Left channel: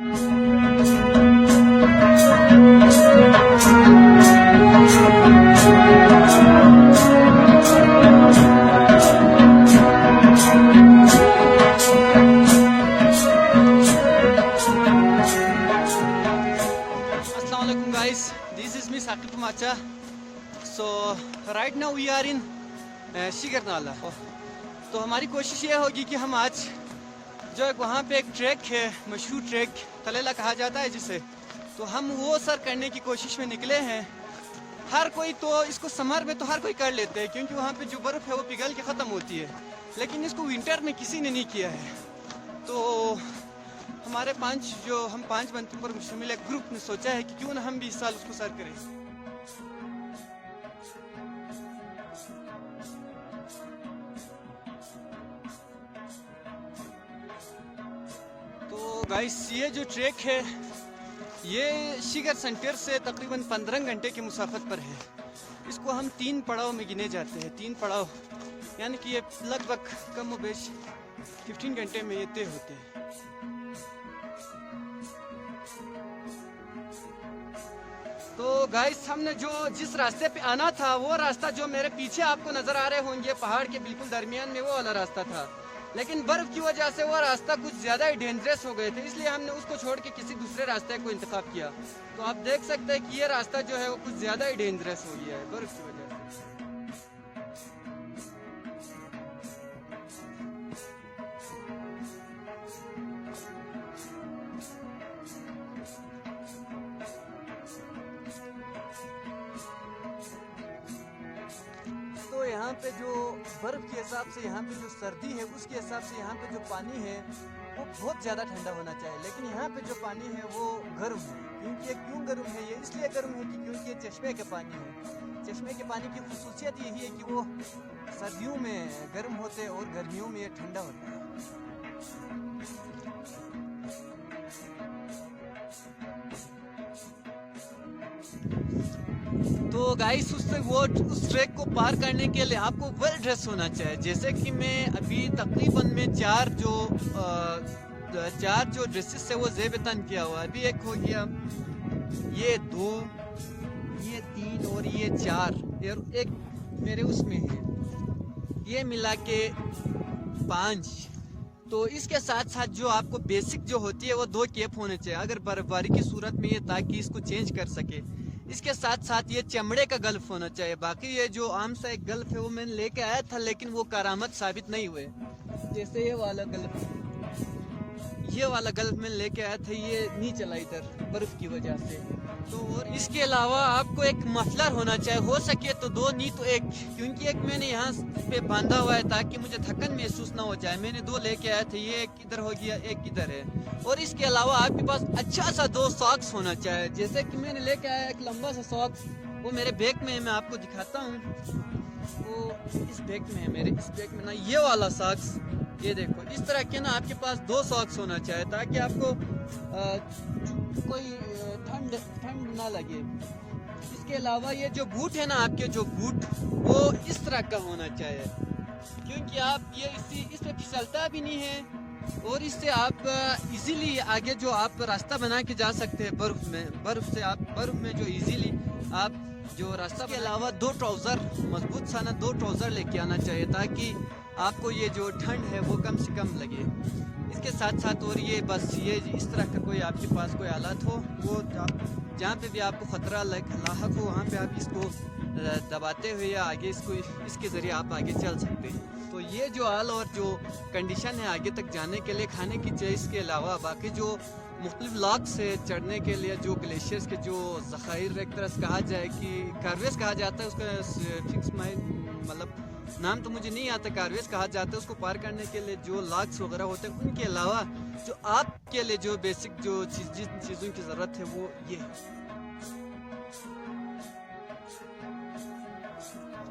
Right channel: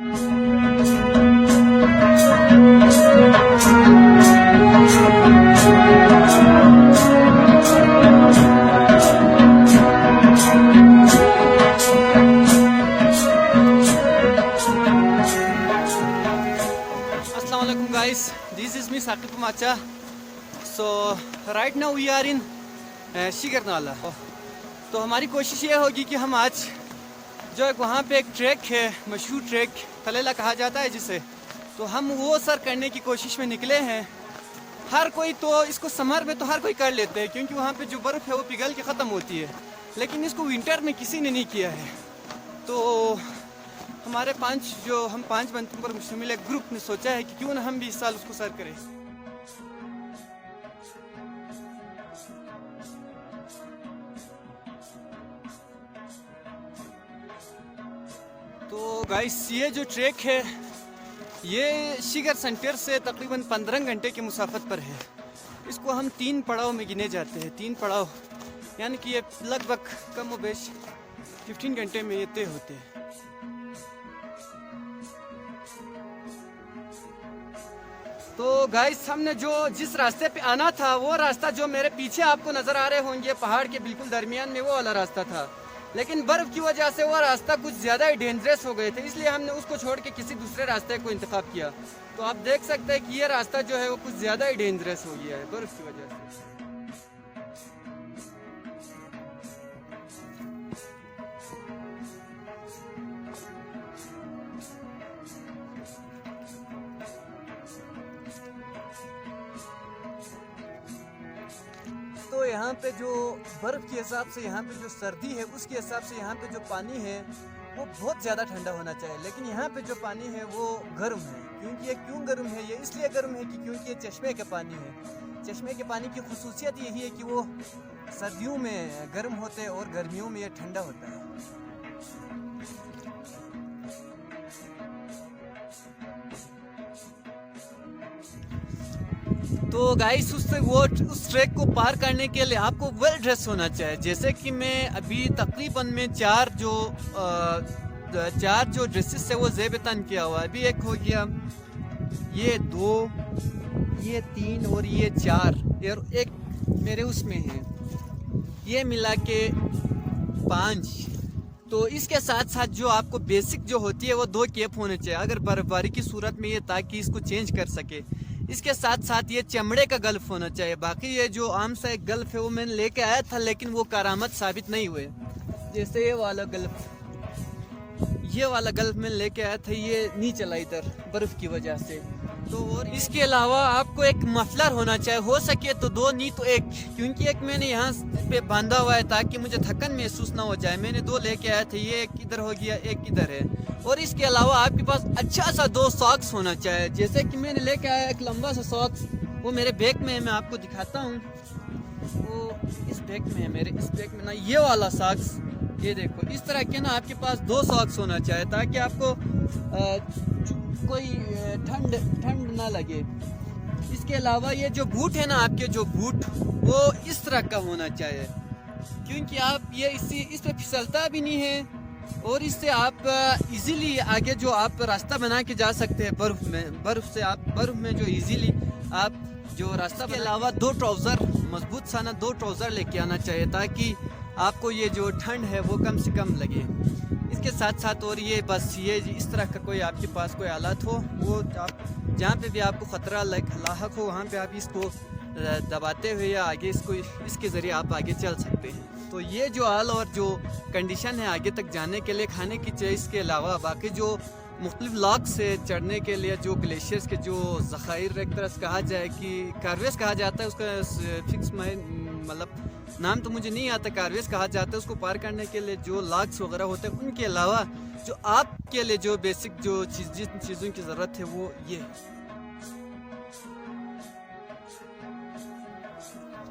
So right now we are in शिकरनाला। तो हमारी कोशिश ये होगी कि हम आज जो है वहाँ पे एक ट्रैक है, मशहूर ट्रैक तलेला कहा जाता है जिसे, तो हम वो सर करने की कोशिश में निकले हैं। हर कोई तो इसको समर में तो हर कोई कर लेते हैं क्योंकि वहाँ पे जो बर्फ़ है वो पिघल के ख़त्म होती है, लेकिन इसको विंटर में किसी ने नहीं किया है। तो हमारे हम पाँच बंदों पर मुश्तमिल एक ग्रुप ने सोचा है कि क्यों ना हम भी इस साल उसको सर करें। गाइस ये जो ट्रैक है ये शिगर सेंटर से तकरीबन 15 घंटे की मुसाफत पर है। इसको हम 3 पड़ाव में गिने जाते हैं। 3 पड़ाव यानी कि ये लगभग कम व बेश 15 घंटे में ये तय होते हैं। तो गाइस हमने जिस रास्ते पे आना था वो रास्ता जो मेरे पीछे आपको नज़र आ रहे होंगे पहाड़ के बिल्कुल दरमियान में, वो वाला रास्ता था, लेकिन बर्फ़ की वजह से वो रास्ता कुछ ज़्यादा ही डेंजरस हो गए थे, इसलिए हमने उसको छोड़ के किसी दूसरे रास्ते को इंतखाब किया। तो आप देख सकते हैं कि ये रास्ता जो है वो कुछ ज़्यादा ही डेंजरस हो गया है बर्फ़ की वजह से। तो यहाँ पे जो बर्फ़ के हिसाब से यहाँ पे जो सर्दी है उसके हिसाब से यहाँ पे जो पानी है वो बहुत ज़्यादा ठंडा होना चाहिए, लेकिन यहाँ पे जो पानी है वो गर्म है। क्योंकि ये क्यों गर्म है? ये इसलिए गर्म है कि क्योंकि ये चश्मे के पानी है। चश्मे के पानी की खूसियत यही है कि वो सर्दियों में गर्म होते हैं और गर्मियों में ये ठंडा होता है। तो गाइस उस ट्रैक को पार करने के लिए आपको वेल ड्रेस होना चाहिए। जैसे कि मैं अभी तकरीबन में चार जो ड्रेसेस है वो ज़ेब तन किया हुआ है। अभी एक हो गया, ये 2, ये 3 और ये 4 और एक मेरे उसमें है, ये मिला के 5। तो इसके साथ साथ जो आपको बेसिक जो होती है वो 2 कैप होने चाहिए अगर बर्फबारी की सूरत में ये, ताकि इसको चेंज कर सके। इसके साथ साथ ये चमड़े का गल्फ होना चाहिए। बाकी ये जो आम सा एक गल्फ है वो मैंने लेके आया था, लेकिन वो करामत साबित नहीं हुए। जैसे ये वाला गल्फ मैं लेके आया था, ये नहीं चला इधर बर्फ की वजह से। तो और इसके अलावा आपको एक मफलर होना चाहिए, हो सके तो 2 नहीं तो 1, क्योंकि एक मैंने यहाँ पे बांधा हुआ है ताकि मुझे थकन महसूस ना हो जाए। मैंने 2 लेके आया था, ये एक इधर हो गया, एक इधर है। और इसके अलावा आपके पास अच्छा सा 2 सॉक्स होना चाहिए। जैसे कि मैंने लेके आया एक लंबा सा सॉक्स, वो मेरे बैग में है, मैं आपको दिखाता हूँ। इस बैग में है मेरे, इस बैग में ना ये वाला सॉक्स, ये देखो इस तरह के ना आपके पास 2 सॉक्स होना चाहिए ताकि आपको कोई ठंड ना लगे। इसके अलावा ये जो बूट है ना आपके, जो बूट वो इस तरह का होना चाहिए क्योंकि आप ये इस पे फिसलता भी नहीं है और इससे आप इजीली आगे जो आप रास्ता बना के जा सकते हैं बर्फ में जो इजीली आप जो रास्ता। के अलावा 2 ट्राउज़र मजबूत सा ना 2 ट्राउज़र लेके आना चाहिए ताकि आपको ये जो ठंड है वो कम से कम लगे। इसके साथ साथ और ये बस ये इस तरह का कोई आपके पास कोई आलत हो, वो आप जहाँ पे भी आपको ख़तरा लाहक हो वहाँ पे आप इसको दबाते हुए या आगे इसके ज़रिए आप आगे चल सकते हैं। तो ये जो हाल और जो कंडीशन है आगे तक जाने के लिए खाने की चीज़ के अलावा बाकी जो मुख्तलिफ लॉक से चढ़ने के लिए जो ग्लेशियर्स के जो ज़खायर एक तरह से कहा जाए कि कारवेज कहा जाता है, उसका फिक्स मतलब नाम तो मुझे नहीं आता, कारवेज कहा जाता है। उसको पार करने के लिए जो लॉक्स वगैरह होते हैं, उनके अलावा जो आपके लिए जो बेसिक जो जिन चीज़ों की ज़रूरत है वो ये है।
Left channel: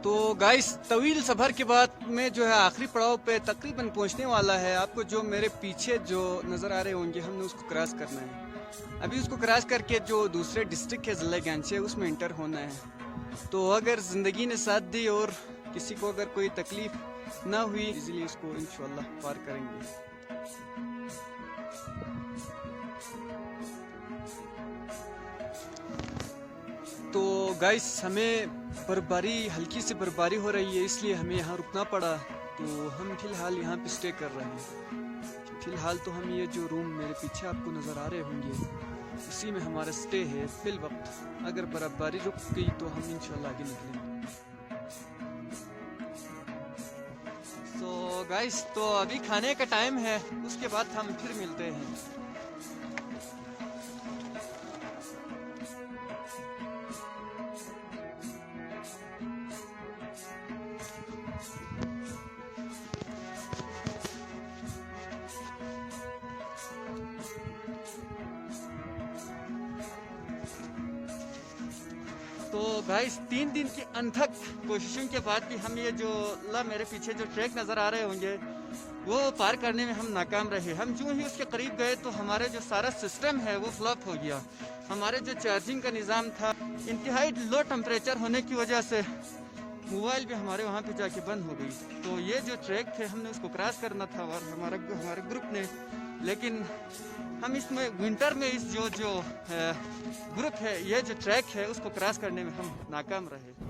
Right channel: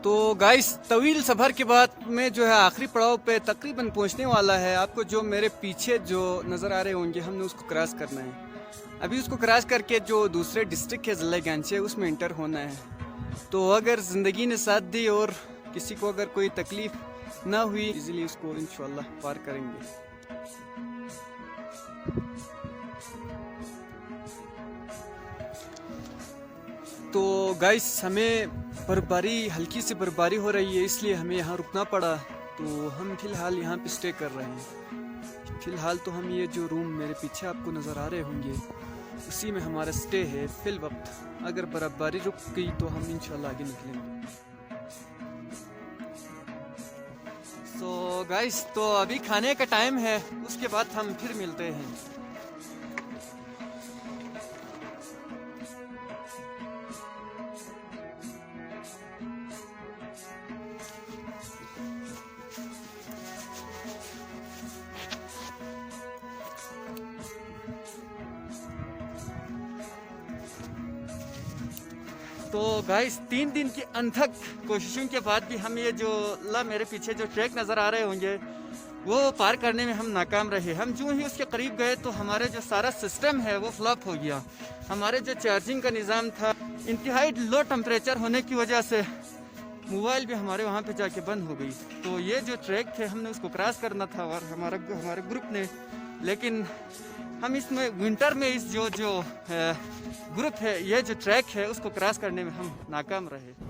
तो गाइस तवील सफ़र के बाद में जो है आखिरी पड़ाव पे तकरीबन पहुंचने वाला है। आपको जो मेरे पीछे जो नज़र आ रहे होंगे, हमने उसको क्रॉस करना है। अभी उसको क्रॉस करके जो दूसरे डिस्ट्रिक्ट है ज़िला गंज है उसमें इंटर होना है। तो अगर ज़िंदगी ने साथ दी और किसी को अगर कोई तकलीफ़ ना हुई, इजीली उसको इंशाल्लाह पार करेंगे। गाइस हमें बर्फबारी, हल्की सी बर्फबारी हो रही है, इसलिए हमें यहाँ रुकना पड़ा। तो हम फिलहाल यहाँ पे स्टे कर रहे हैं। फिलहाल तो हम ये जो रूम मेरे पीछे आपको नज़र आ रहे होंगे, इसी में हमारा स्टे है फिल वक्त। अगर बर्फबारी रुक गई तो हम इंशाल्लाह आगे निकलेंगे। तो गाइस तो अभी खाने का टाइम है, उसके बाद हम फिर मिलते हैं। तो गाइस 3 दिन की अनथक कोशिशों के बाद भी हम ये जो मेरे पीछे जो ट्रैक नज़र आ रहे होंगे वो पार करने में हम नाकाम रहे। हम जो ही उसके करीब गए तो हमारे जो सारा सिस्टम है वो फ्लॉप हो गया। हमारे जो चार्जिंग का निज़ाम था, इंतहाई लो टेम्परेचर होने की वजह से मोबाइल भी हमारे वहाँ पे जाके बंद हो गई। तो ये जो ट्रैक थे हमने उसको क्रॉस करना था और हमारे ग्रुप ने, लेकिन हम इसमें विंटर में इस जो ग्रुप है, ये जो ट्रैक है उसको क्रॉस करने में हम नाकाम रहे।